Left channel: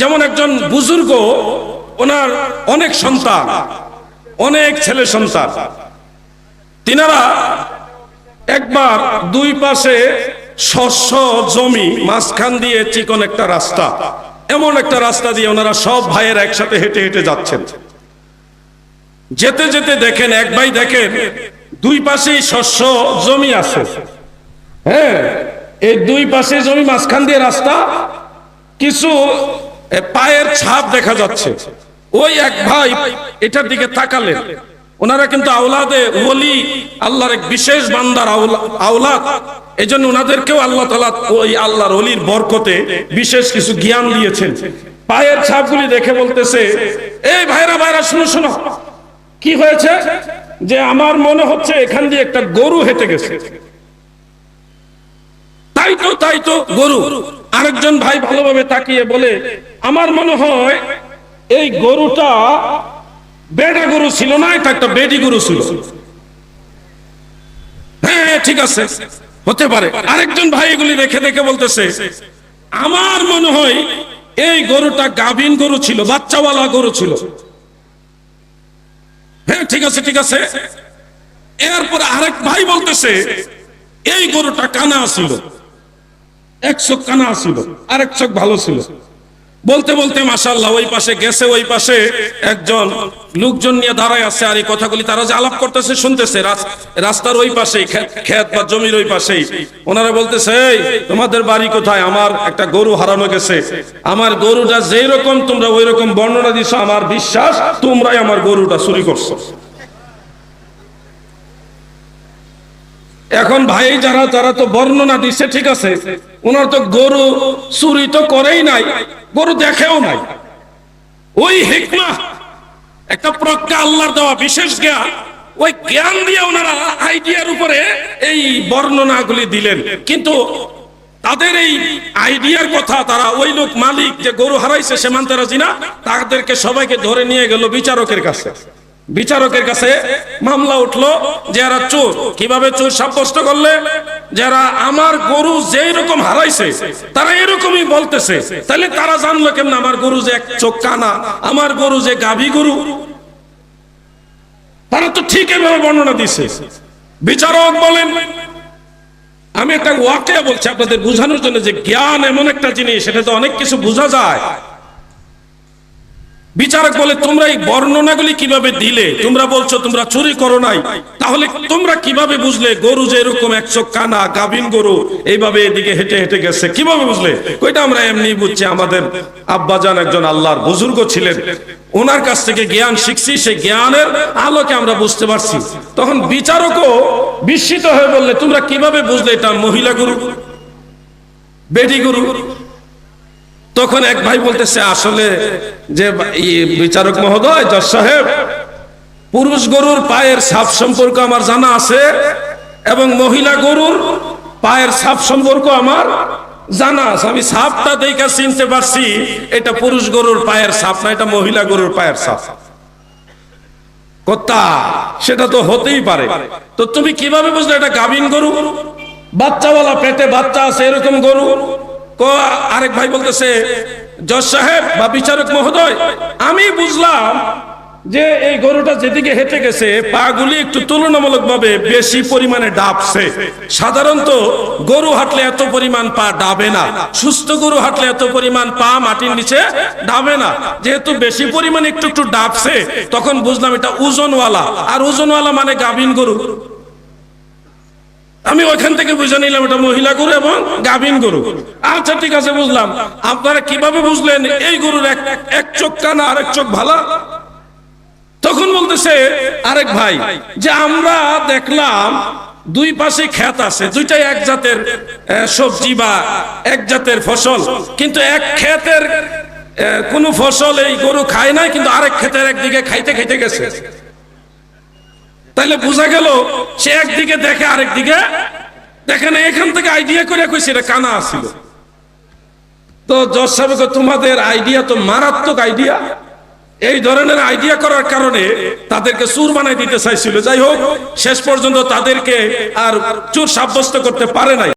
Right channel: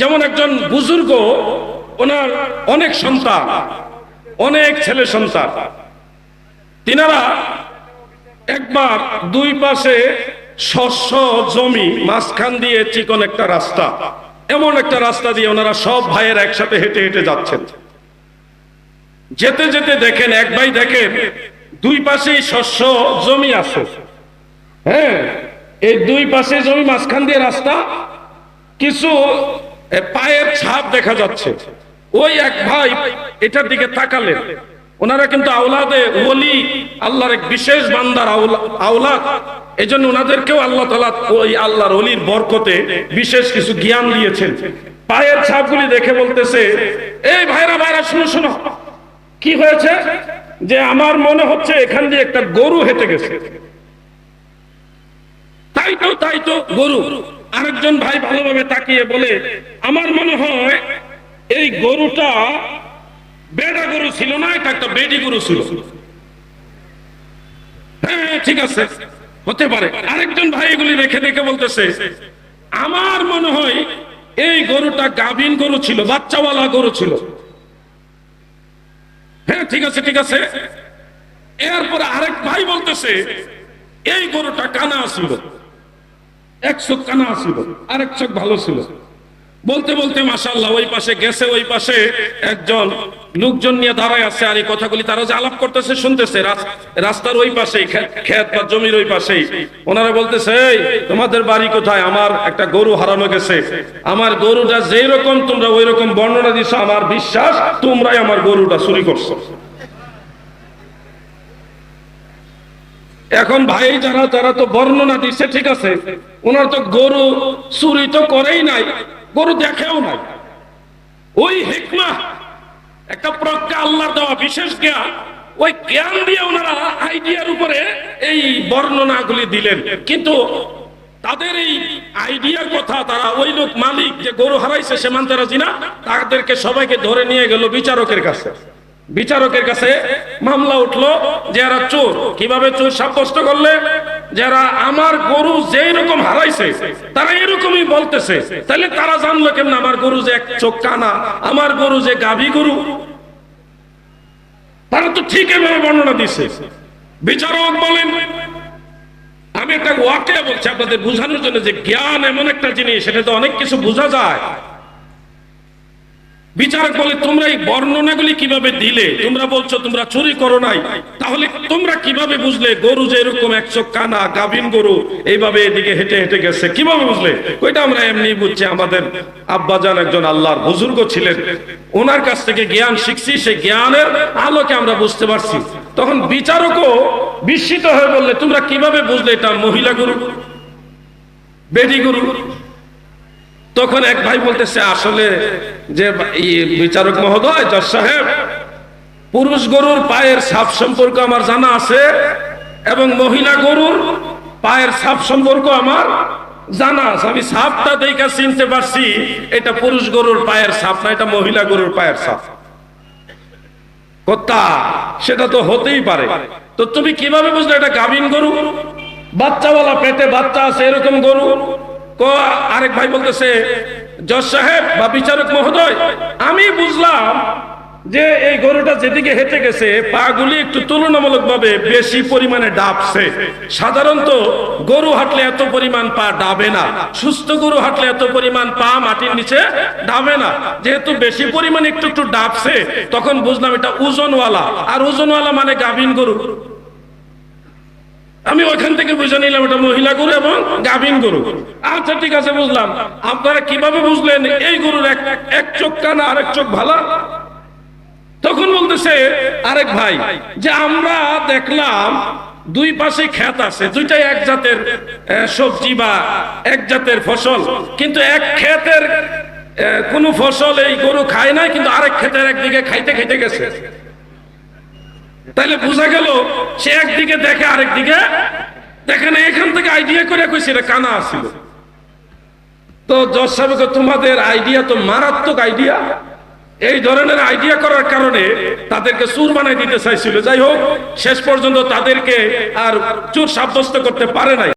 যেমন একজন বুজুর্গ, ওনার অনেক সন্তান, অনেক ছেলে সন্তান, তিনারা একবার দুই পাশে শস্য জমি, মাঝখান দিয়ে চিকন একটা রাস্তা, এমন একটা রাস্তা দিয়ে ওনারা সব ভাইয়ের একসাথে হেঁটে হেঁটে যাচ্ছেন। যেতে যেতে দেখেন, এক ভাই দেখেন দুই পাশেই শস্য জমি আছে, হ্যাঁ, এই দুই পাশে জমি, মাঝখান দিয়ে রাস্তা, কিছু পায়ের ছাপ দেখা যাচ্ছে। ওই এক ভাই এটার দিকে তাকালেন। ওনারা কিন্তু আওলাদে ওলি, আল্লাহর এক বিশেষ বান্দার আওলাদ, এই জন্য ওনাদেরকেও আল্লাহ তাআলা ওই আল্লাহর ওলির বরকতে বিশেষ কিছু জ্ঞান দিয়েছেন। পায়ের ছাপগুলি দেখে বলতেছে, এই ভাইরা ভাইরা শুনো শুনো, কি হয়েছে? যে আমার মনে হচ্ছে এখান দিয়ে একটা গরু হেঁটে গেছে। তাই তো গরু। আরেকজন ভাই ভালোভাবে তাকিয়ে বলে, আমার মনে হয় এই গরুটা বেড়া গরু ছিল না, এটা একটা বেডি গরু ছিল। হ্যাঁ ঠিক আছে, হতে পারে। আরেকজন ভাই এগুলি রেখে দেখে বলতেছে, আমার মনে হয় এই গরুটা গাভীন গরু ছিল, বাচ্চাওয়ালা গরু ছিল। হ্যাঁ ঠিক আছে ঠিক আছে। এরপরে আরেক ভাই বলতেছে, এই গরুটা কানা ছিল, এক চোখ কানা ছিল, আরেক চোখ ভালো ছিল। বলতে বলতে মাশাআল্লাহ ওই পাশে গেছে, ওই পাশে একজন লোকজন নিয়ে দাঁড়ায় আছে, আর এই কথাগুলি তারা যে আলাপ করতেছে শুনতেছে। রাস্তার ওই পাশেই, ক্ষেত বা জমির ওই পাশেই ওনারা বলতেছে, এই তোমাদের বাড়ি কোথায়? আমার একটা গরু হারানো গেছে, আমার গরুটা যেই রকম তোমরা ওই রকম বর্ণনা দিছো, আমার বিশ্বাস তোমরাই আমার গরুটা চুরি করছো। এখন ভাই যারা তারা তো বর্ণনা দিচ্ছে, ঠিক আছে, ওনার তো গরু চুরি তো করেই নাই, গরু দেখেও নাই। ওই হিকমা, একটা প্রজ্ঞা আল্লাহর দেওয়া বিশেষ জ্ঞান, ওই জ্ঞান দিয়ে ওনারা আইডিয়ার উপরে এই বর্ণনাগুলি দিলেন। কিন্তু তাদের এই আইডিয়ার কথা, তারা ওই লোক মালিক যে গরু হারাইছে সে মানতে রাজি না, তাদেরকে সবাইকে ধরে নিয়ে গেল বিচারকের কাছে। বিচারকের কাছে মামলা উঠলো যে এরা চোর। কিভাবে চোর সাব্যস্ত করলে? যারা আমার গরু যেই রকম হারাইছে তারা এরকমই বলতেছে, তাহলে তারা জানলো কেমন আমার গরু যে এক চোখ কানা, আমার গরু যে গাভী গরু? তারা তো ঠিক এভাবে বর্ণনা দিছে। বিচারক বলেন, আমি একটা ওয়াকিয়া বলছি আপনাদের বোঝানোর জন্য, যে জ্ঞান এমন একটা জিনিস, সেটা তো অনেক কিছু বোঝা যায়। বিচারক বলে, তোমরা এই বর্ণনাগুলি কিভাবে দিলে? তোমরা বলছো তোমরা চুরি করো নাই, তাহলে তোমরা কিভাবে বুঝলে গরু যে এরকম এক চোখ কানা গাভীন গরু এইভাবে এদিকে হেঁটে হেঁটে গেছে? কিভাবে বুঝলে? ওইটা আমরা এমনি বুঝছি, আমাদের আব্বাজান একজন আল্লাহর বুজুর্গ ছিলেন, ওনার কাছ থেকে জ্ঞান শিখছি, সেই জ্ঞানের আলোকে আমরা বুঝতে পারছি। তখন বিচারকও বিস্মিত হয়ে বললে, তোমরা কিভাবে বুঝলে এটা মহিলা গরু, বেডি গরু? তখন এক ভাই বলতেছে, আসলে যে বিচারক মহোদয়, জজ সাহেব, পুরুষ গরুর পায়ের ছাপ সম্পর্ক আমার জানা আছে, এবং মহিলা গরুর পায়ের ছাপ সম্পর্ক আমার জানা আছে। আমি ছাপটা দেখে চিনতে পারছি এটা পুরুষ গরুর পায়ের ছাপ না, এটা মহিলা গরুর পায়ের ছাপ। কথা সেটা তো হতেই পারে। তো তুমি কিভাবে বুঝলে এটা গাভীন গরু, বাচ্চাওয়ালা, পেটে বাচ্চা আছে এরকম গরু? আরেক ভাই বলতেছে, জজ সাহেব বা বিচারক মহোদয়, আমি বুঝলাম যে এই গরুটা যেদিকে হেঁটে গেছে পাগুলি একটু তুলনামূলকভাবে বেশি পরিমাণে ডাবছে। সাধারণত গরু হাঁটলে এত পরিমাণ পা ডাবে না, সুস্থ গরু হাঁটলে এত পরিমাণ পা মাটির নিচে ডাবে না। যেহেতু বেশি পরিমাণে একটু একটু ডাবছে, তখন বুঝলাম এটা ওজনওয়ালা, আর ওজনওয়ালা মানে গাভীন গরু। আমি ওইখান থেকে বুঝে নিলাম এটা মহিলা গরু এবং গাভীন গরু। আচ্ছা ঠিক আছে, বুঝলাম। আপনারা কিভাবে বুঝলেন এই গরুর এক চোখ কানা আরেক চোখ ভালা? তখন বলতেছে আরেক ভাই যে আমরা দেখলাম দুই পাশে ক্ষেত আছে, দুইটাই এক জাতের সবজি বা এক জাতের ফসল, কিন্তু এক ক্ষেতের কোন ফসল এই গরু খায় না, কিন্তু আরেক ক্ষেতের একদিকে খাইতে খাইতে গেছে। তাহলে বোঝা গেল সে একদিকে দেখে আরেক দিকে দেখে না। এখান থেকে আইডিয়া করে কইছে এটা কানা আছিল। তো জজ সাহেব, তোমাদের আইডিয়া তো মারাত্মক আইডিয়া। এই ধরনের আইডিয়া করার কারণে তাদেরকে চোর বানাই দিতে চাইছিল। যাই হোক, শেষ পর্যন্ত তাদেরকে আর চোর সাব্যস্ত করতে পারে নাই।